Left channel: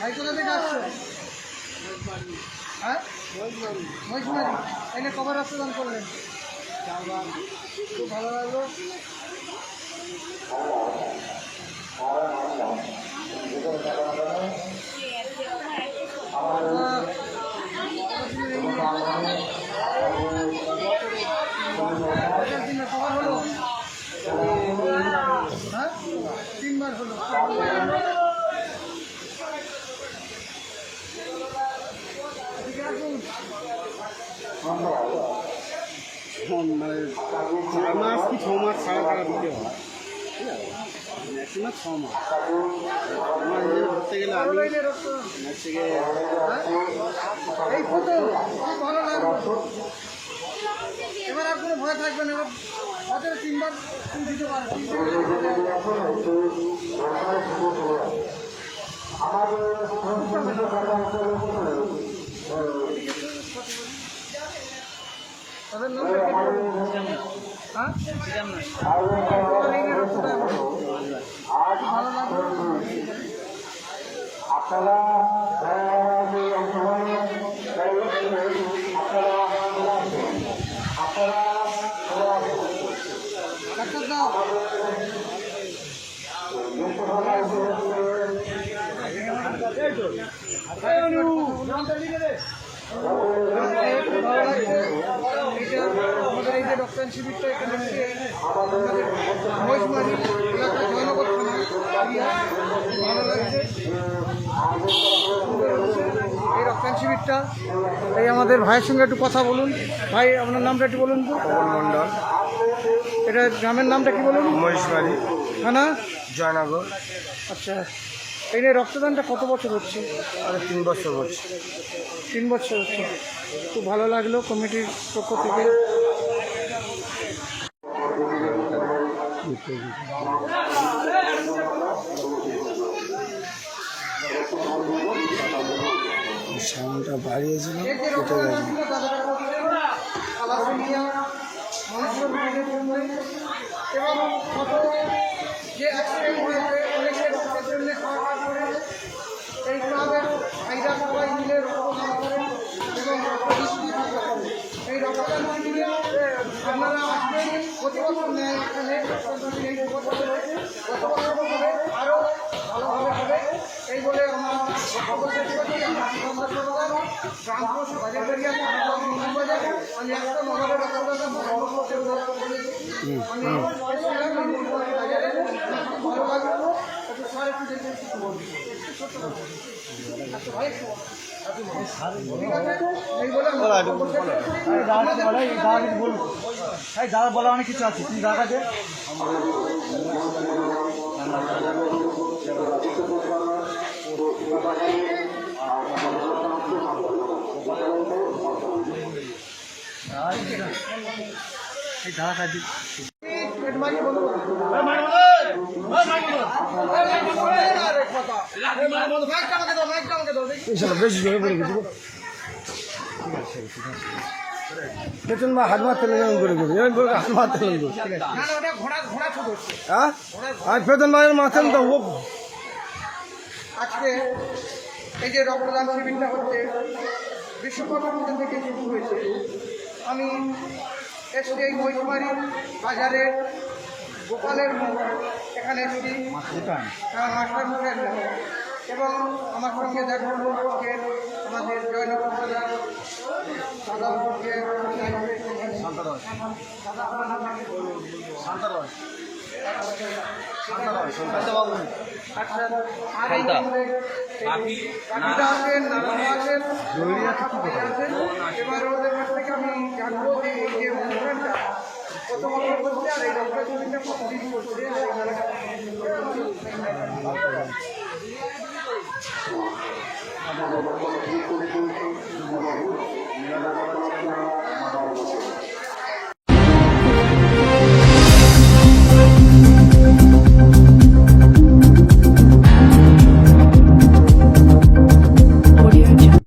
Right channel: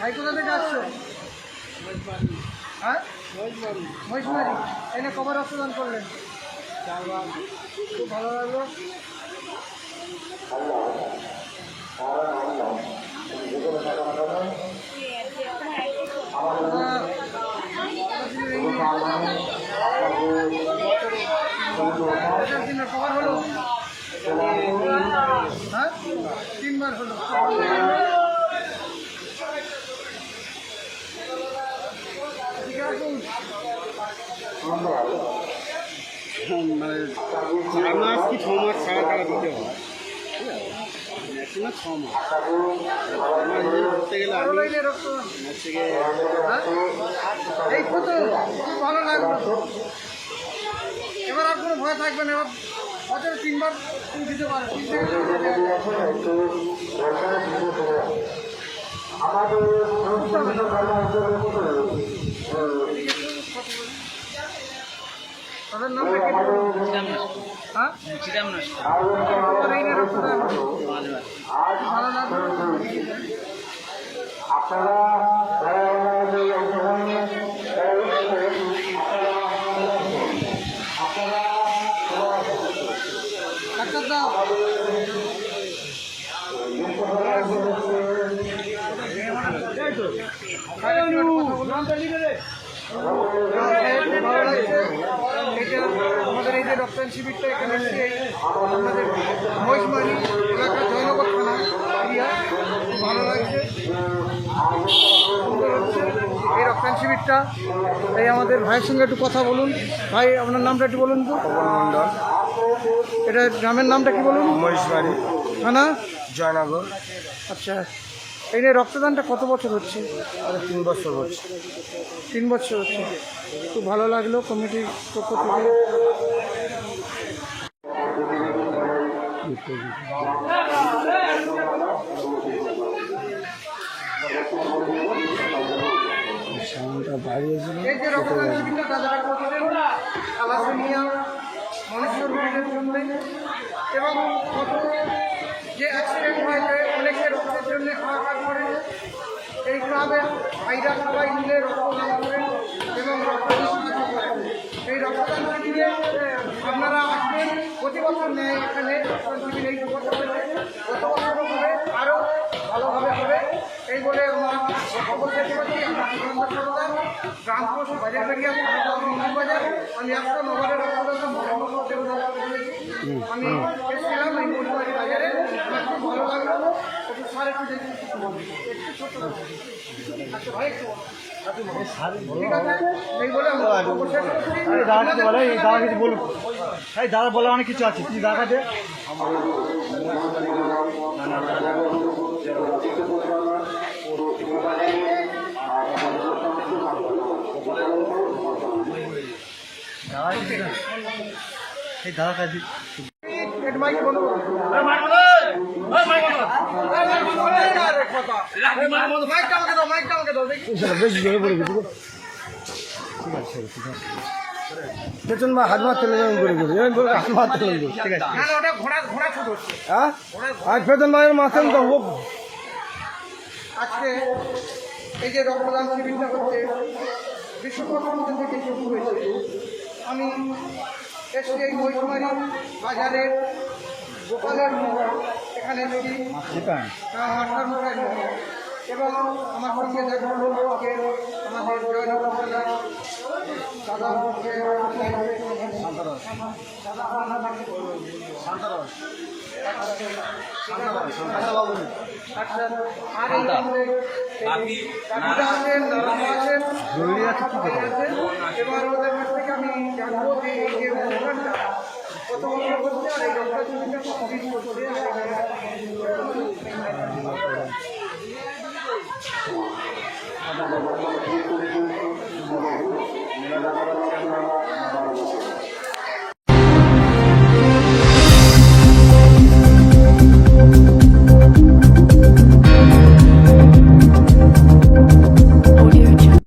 ভাই কোথা থেকে আসছো? হ্যাঁ, মহিষমারি। এনে কবে রক্তদান করলেন? খুব ভালো লাগলো। কবার হলো? হ্যাঁ, 3 বার হলো। মানে 4 মাস কি 6 মাস ছাড়া টাকা দিতে হয়, 6 মাস ধরতে গেলে এই প্রথম খুব ভালো লাগলো। এবার আর কোনো ভয় থাকবে না। এবার বছরে 3 বার তুমি দিতে পারো। তাদের নামটা কি? হ্যাঁ, ভালো লাগলো। ডাক্তার দাও। ভালো লাগছে। এটা আমাদের এই যে রক্তদান শিবিরটা এখানে এসে আমাদের মহিষমারি এলাকার জয়নগর থানা এরিয়া, খুব ভালো লাগছে, সুন্দর হচ্ছে এই রক্তদান শিবিরটা। এই আমাদের ভাইয়ের সঙ্গে একটু কথা বলুন। ভাই, আপনার নামটা একটু বলুন তো। পবন মণ্ডল। এটা গ্রামের নামটা কি বলুন? মহিষমারি, থানা জয়নগর। আচ্ছা, এই নিয়ে রক্তদানটা কত বছর হচ্ছে? 3 বছর হচ্ছে। 3 বছর হচ্ছে। খুব ভালো লাগলো কমিটির পক্ষ থেকে। সাউন্ডটা বাড়িয়েছিল। মানুষের রোগীদের জন্য এবং কত যে অ্যাক্সিডেন্ট হয়েছে অনেকের রক্তের জন্য হাহাকার করে এই ক্লাবের ভাইরা সবাই মিলে রক্তদান করেন এবং রক্তদান করেন। এই রক্তদান শিবিরে আপনারা আসবেন, প্রতি বছর নেয় এখানে রক্তদান শিবির। এই বছর গত বছরও হবে, আরও ভালোভাবে হবে এই বলে আমরা বক্তব্য শেষ করছি। গ্রাম পোস্ট বাজারবাড়িয়া বাজার। আমি একটা নগরের রক্তদান আমি এসেছিলাম এই মহিষমারি বাজারে। আমার খুব ভালো লাগলো। একটু স্যার একটু দেখে বলবো একটু ছোট। আচ্ছা ভাই, ঠিক আছে, এই বলে আমরা বক্তব্য শেষ করছি। বলুন দাদা, বলো অনেক কিছু আছে। তুমি দাদা দে। বেতন বা হাত মারতে করে হাত মারতে হ্যাঁ, আর বেতন ভাইয়ের মাথেন তো আজকে এই যে রক্তদান শিবিরটা হচ্ছে বিশ্বকর্মা পুজো থেকে শুরু হয়েছে। আমি এসছি এই মহিষমারি বাজারের গোপালের মোড়, এখানে এসেছি মাস্টার মোড়ের মোড়, এবং আমার সঙ্গে দেখা হলো আমাদের জয়নগর বাজার দাদা এবার ওদের কাছ থেকে আমি জানবো যে এই যে অনুষ্ঠানটা কত বছর হচ্ছে আর এই রক্তদানটা কতদিন করছে।